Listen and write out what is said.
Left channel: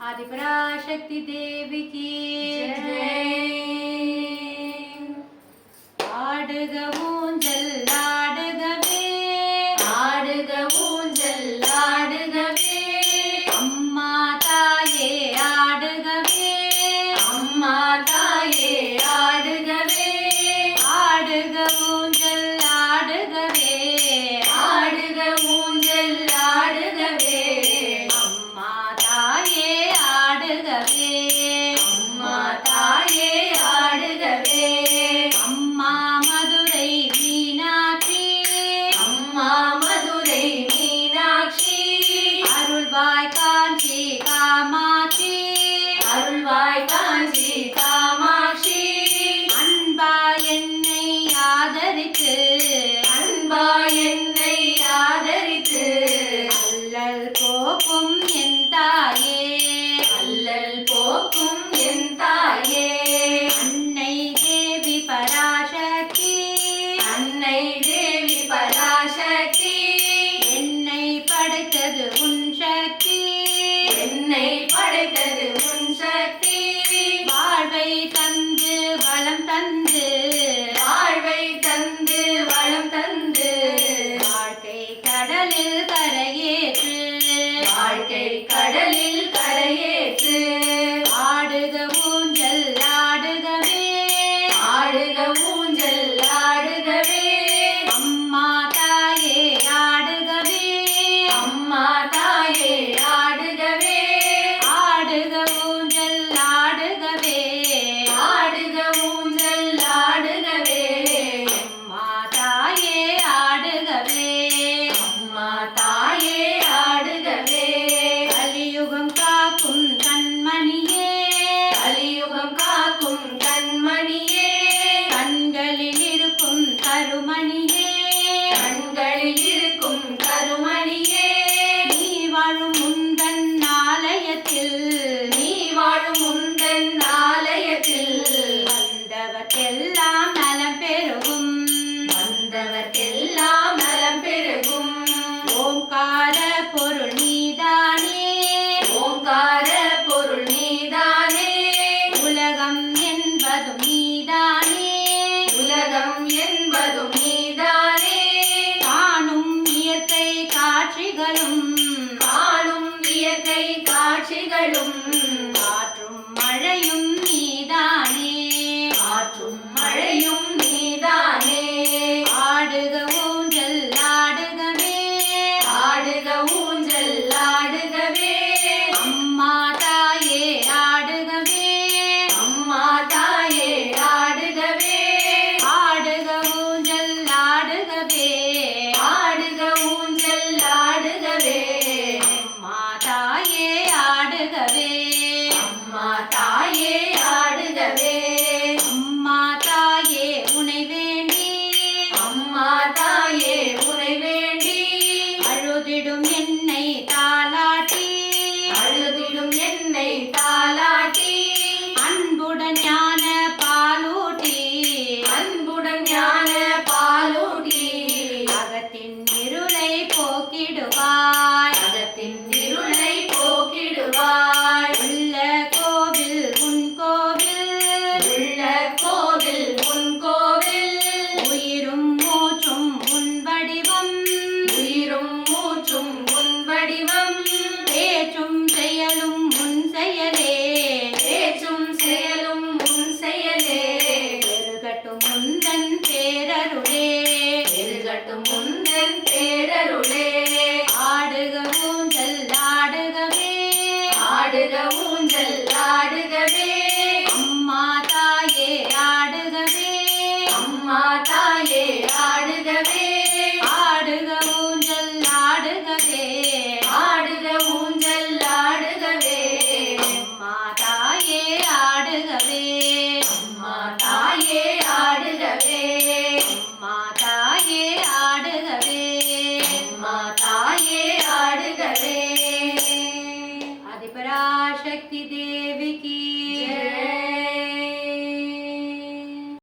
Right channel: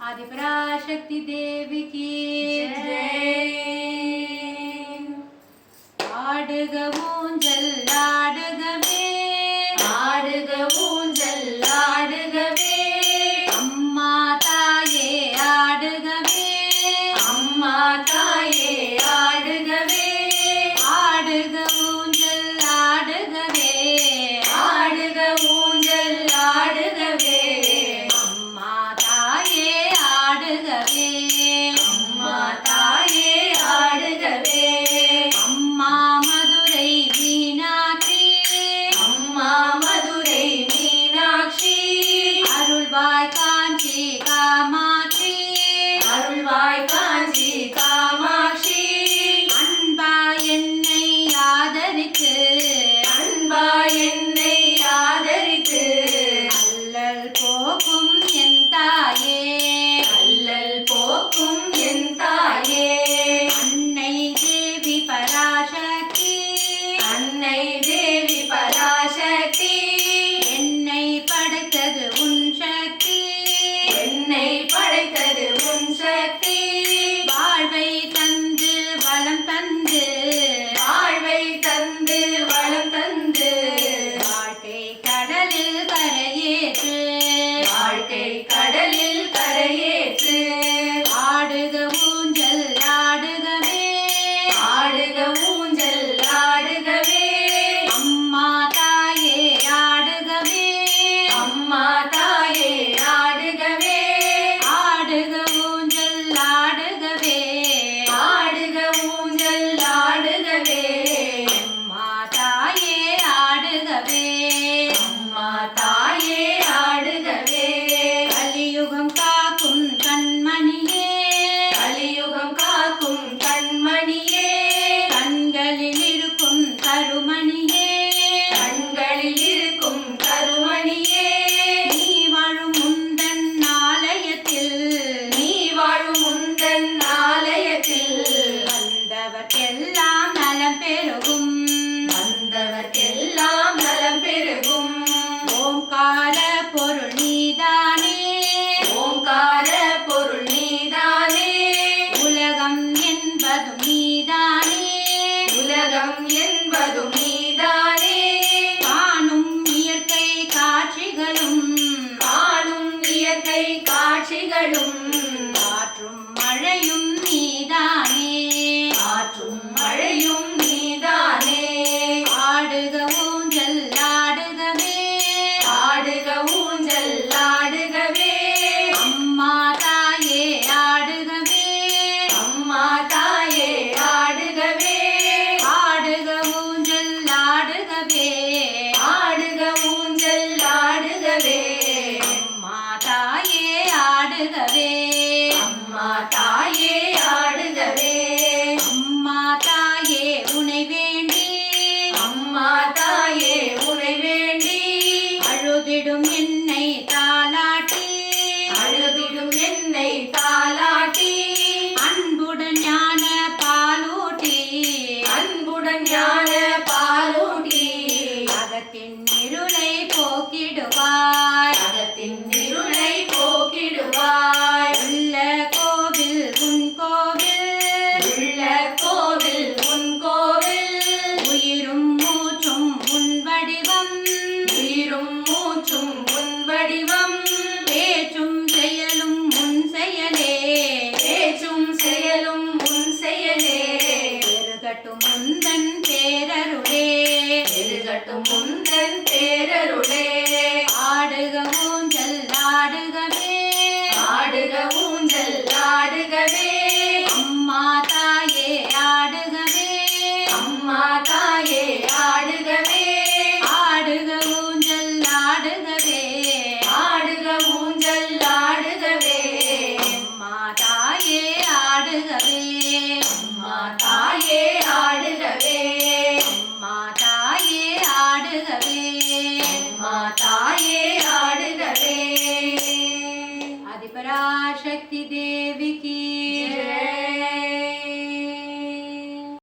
आदिपराशक्ति देवी की जय। आडुग ஊஞ்சல் ஆடுகவே, ஆடுக ஊஞ்சல் ஆடுகவே, அம்மா தாயே ஆடுகவே, அம்மா தாயே ஆடுகவே, ஆடுக ஊஞ்சல் ஆடுகவே, ஆடுக ஊஞ்சல் ஆடுகவே, அம்மா தாயே ஆடுகவே, அம்மா தாயே ஆடுகவே, அம்மா மதுரை மீனாட்சி, அம்மா மதுரை மீனாட்சி, அருள்வாய் காஞ்சி காமாட்சி, அருள்வாய் காஞ்சி காமாட்சி, அன்பா என்னை ஆதரித்து, அன்பா என்னை ஆதரித்து, அல்லல் போக்கும் என் தாயே, அல்லல் போக்கும் என் தாயே, அன்னை தேவி பராசக்தி, அன்னை தேவி பராசக்தி, என்னை படைத்தது உன் சக்தி, என்னை படைத்தது உன் சக்தி, வாழ்வை தந்து வளம் தந்து, வாழ்வை தந்து வளம் தந்து, வாழ்க்கை கடலில் கரையேற்று, வாழ்க்கை கடலில் கரையேற்று, ஆடுக ஊஞ்சல் ஆடுகவே, ஆடுக ஊஞ்சல் ஆடுகவே, அம்மா தாயே ஆடுகவே, அம்மா தாயே ஆடுகவே, ஆடுக ஊஞ்சல் ஆடுகவே, ஆடுக ஊஞ்சல் ஆடுகவே, அம்மா தாயே ஆடுகவே, அம்மா தாயே ஆடுகவே, கலியுகம் காக்கும் கண்மணியே, கலியுகம் காக்கும் கண்மணியே, கண்களில் இருக்கும் கருமணியே, கண்களில் இருக்கும் கருமணியே, நீ வாழும் முந்தன் ஆலயத்தில், நீ வாழும் முந்தன் ஆலயத்தில், வந்தவர்க்கெல்லாம் நலம் பெருகும், வந்தவர்க்கெல்லாம் நலம் பெருகும், ஓங்கார பொருள் நீதானே, ஓங்கார பொருள் நீதானே, உலகம் என்பதும் நீதானே, உலகம் என்பதும் நீதானே, காணும் இயற்கை காட்சிகளும், காணும் இயற்கை காட்சிகளும், காற்றும் மழையும் நீதானே, காற்றும் மழையும் நீதானே, ஆடுக ஊஞ்சல் ஆடுகவே, ஆடுக ஊஞ்சல் ஆடுகவே, அம்மா தாயே ஆடுகவே, அம்மா தாயே ஆடுகவே, ஆடுக ஊஞ்சல் ஆடுகவே, ஆடுக ஊஞ்சல் ஆடுகவே, அம்மா தாயே ஆடுகவே.